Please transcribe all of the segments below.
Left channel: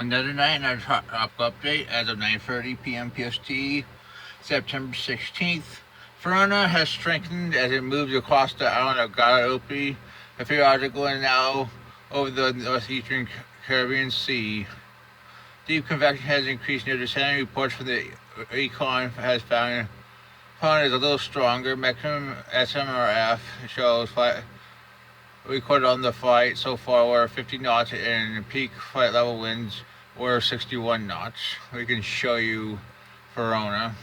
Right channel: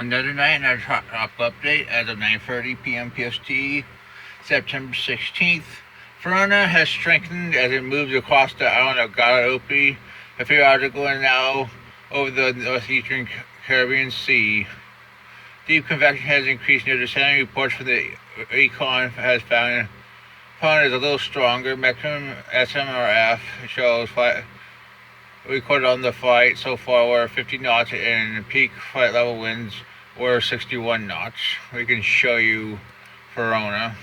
Another night in our tropical update as of 9:30 p.m. PST, September 16th. Fiona has strengthened as it moves across the island of Guadalupe a few hours ago and now over the northeastern Caribbean Sea. Deep convection has increased near the center. Reports from the Econ has found Fiona is a little stronger. Maximum SMRF shows recorded on the flight so far were 50 knots and peak flight level winds were 61 knots. We can show you Verona.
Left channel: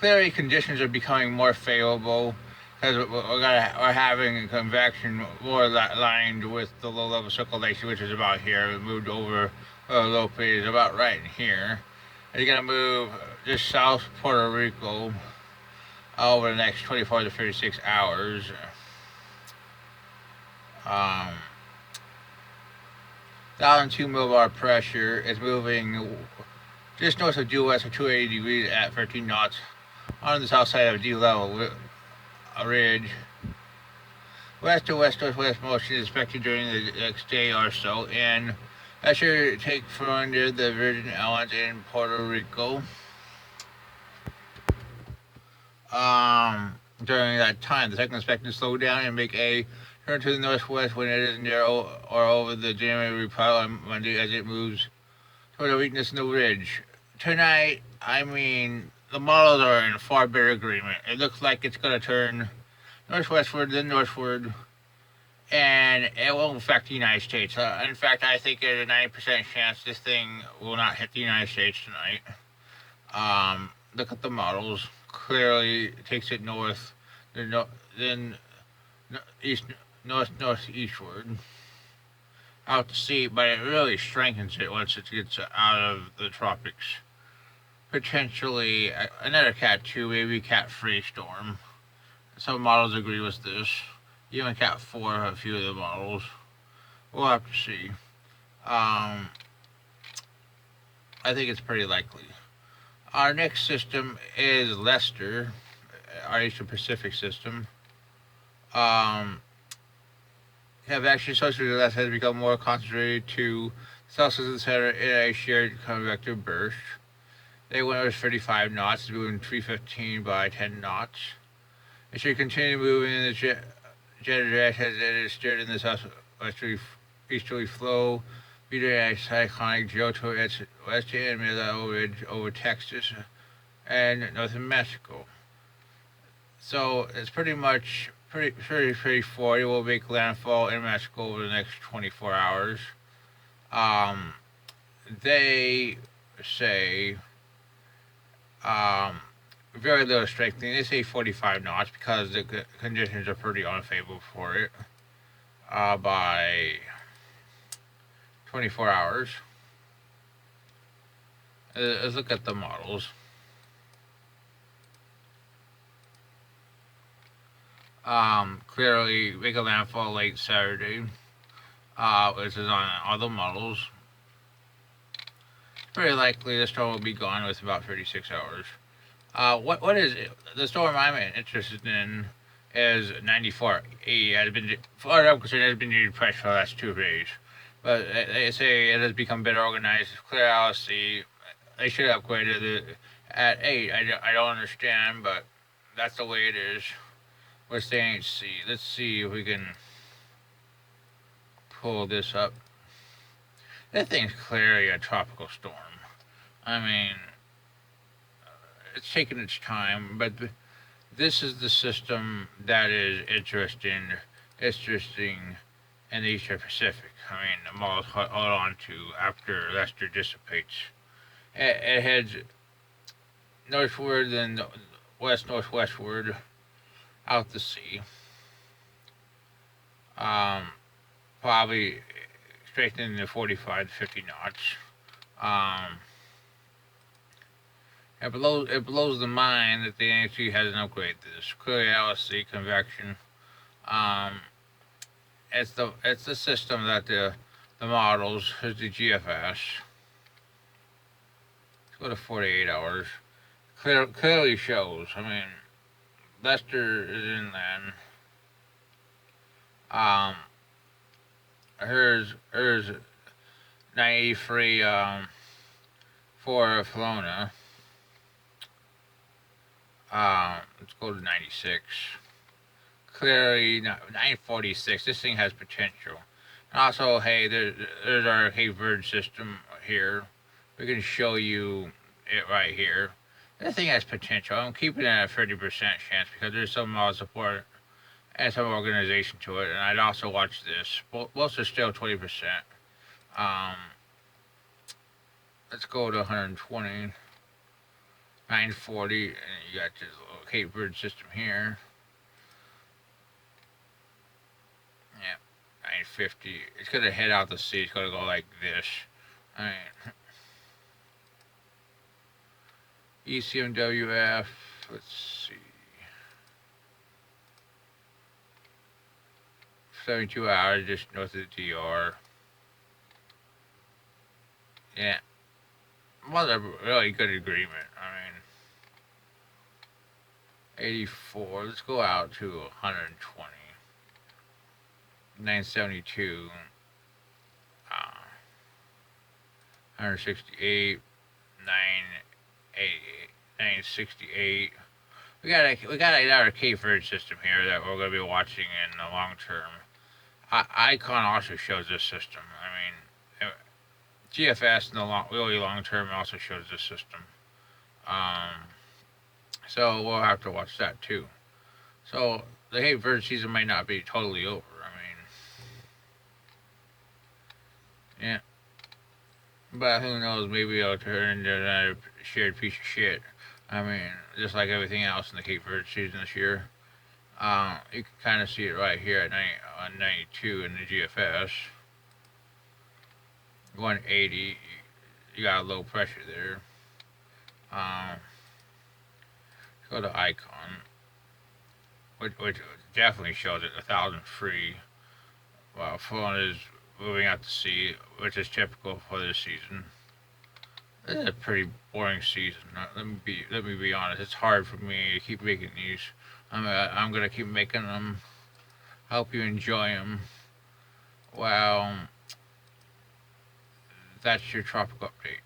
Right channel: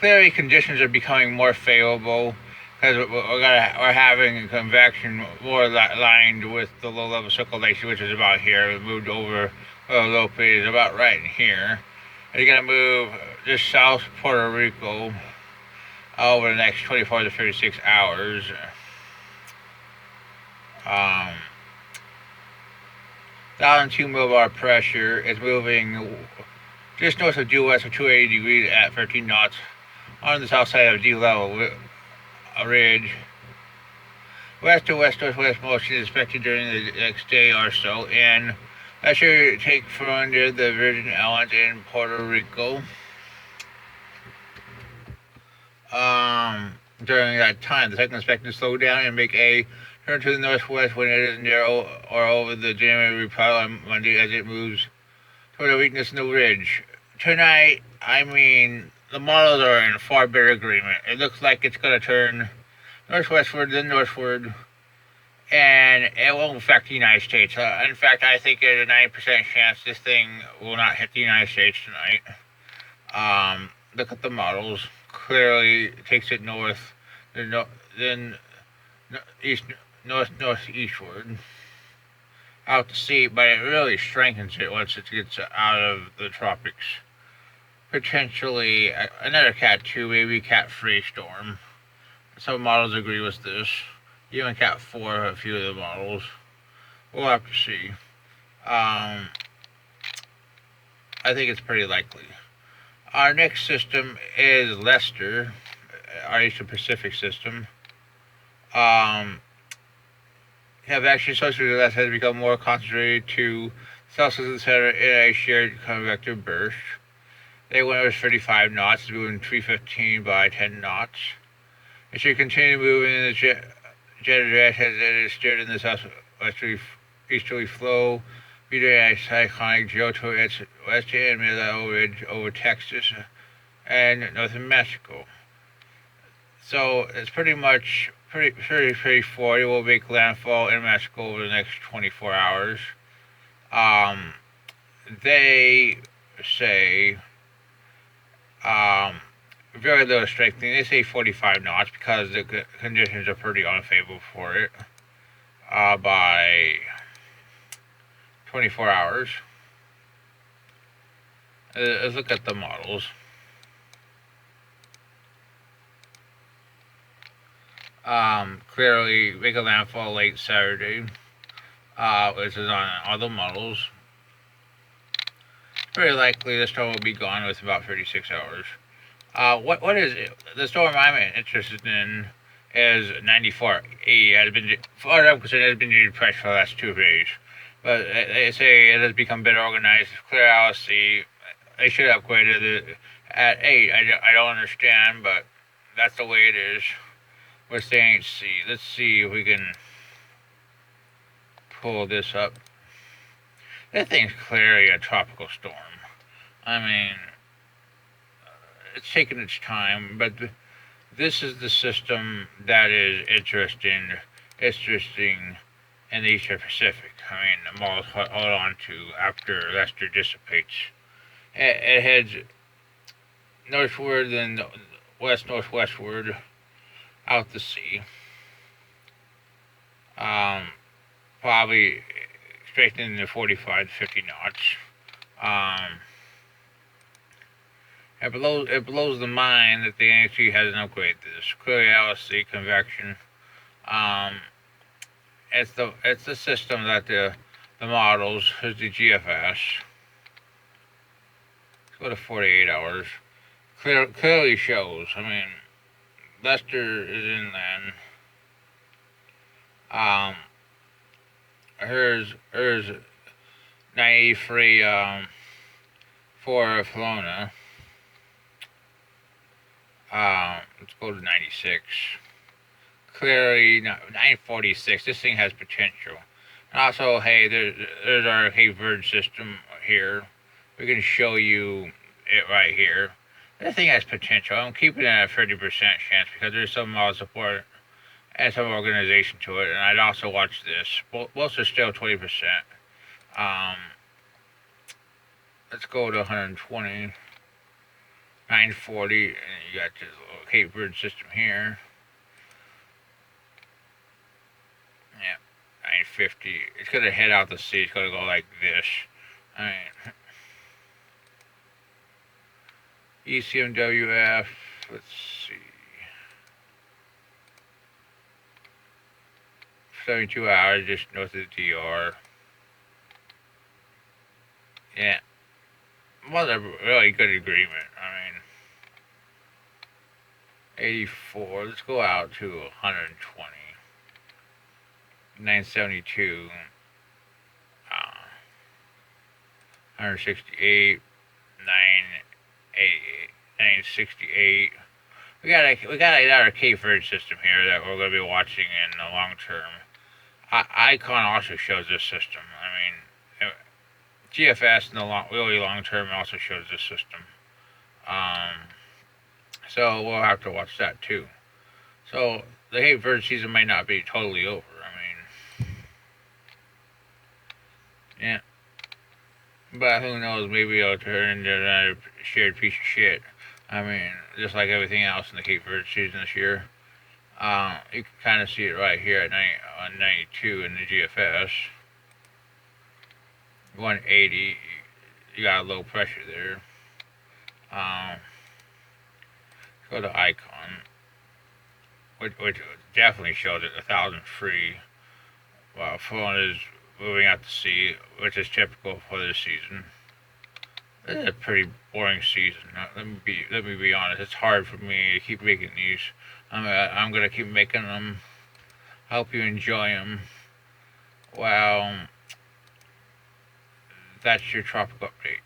Clearly, conditions are becoming more favorable because we're having convection more aligned with the low-level circulation, which is about here. It moved over low is about right in here. It's going to move just south Puerto Rico over the next 24 to 36 hours. Down 2 millibar pressure is moving just north of due west of 280 degrees at 13 knots on the south side of D level ridge. West to west northwest motion is expected during the next day or so, and that should take from near the Virgin Islands in Puerto Rico. During that time, the second expected to slow down and make a turn to the northwest when it is near or over the January pile on Monday as it moves toward a weakness in the ridge. Tonight, the models are in far better agreement. It looks like it's going to turn northwestward, then northward, and it won't affect the United States. In fact, I think there's a 90% chance this thing will not hit the United States tonight. Look at the models. Clearly, it takes it north, then northeastward out to sea, but it really strengthens it once it gets out of the tropics. Potentially another Cat 2, maybe Cat 3 storm. Some models agree with this. Even Cat 4, a few of the models. We'll have to see. I think it's pretty likely. Our next system is Lester, our Eastern Pacific system. Convection associated with Lester has become more concentrated to south of the center in a shared convective burst. They went over 35 knots, moving 315 by 10 knots. It should continue moving in the jet direction as it is steered in the southwesterly easterly flow, beating a cyclonic geo to its west and mid-level ridge over Texas and northern Mexico. So it's pretty straightforward. It will make landfall in Mexico over the next 24 hours. They say very little strengthening. They say 45 knots because the conditions are pretty unfavorable for it by 24 hours. Let's look at the models. Clearly make a landfall late Saturday, which is on all the models. Very likely the storm will be gone with about 36 hours. What is it? The storm I'm interested in is 94E. Has been, far as I'm concerned, it has been depressed for the last 2 days. But they say it has become better organized, clear out of sea. They should upgrade it at 8. I don't understand, but that's the way it is. We're staying at sea. Let's see if we can pull this up. This thing's clearly a tropical storm. It's taking its time, but this is the system that is interesting in the Eastern Pacific. The models hold on to after Lester dissipates. It heads northward and west-northwestward out to sea. Probably strengthening to 45 to 50 knots. It blows the mind that the NHC hasn't upgraded this. Clearly LSC convection. It's the system that the models is the GFS. Let's go to 48 hours. Clearly shows. Lester is inland. Hers 93 for Fiona. Let's go to 96. Clearly, 946. This thing has potential. And also, hey, there's our Cape Verde system here. We can show you it right here. This thing has potential. I'm keeping it at a 30% chance because there's some support and some organization to it. And I'd also watch this. Most are still 20%. Let's go to 120. 940. And you got this little Cape Verde system here. Yeah. 950. It's going to head out to sea. It's going to go like this. Alright. ECMWF. Let's see. 72 hours just north of the DR. Yeah. Was a really good agreement. I mean, 84. Let's go out to 120. 972. 168. 988. 968. We got another Cape Verde system here that we're going to be watching in the long term. Icon also shows this system. I mean, GFS in the really long term also shows this system. So we'll have to watch that too. So the Cape Verde season might not be totally over. I mean, yeah. But who knows? Maybe it'll turn into another shared piece of shit. I mean, just like everything else in the Cape Verde season this year. You can kind of see it right here at 92 in the GFS. 180, you got low pressure there. Go to Icon, which definitely shows it 1,000 free. While Fiona is moving out to sea, which is typical for this season. This is a pretty boring season. Let me be honest. It's hard for me to keep making these. I'm gonna keep making them. Hope you enjoy them. Well, that's your tropical update.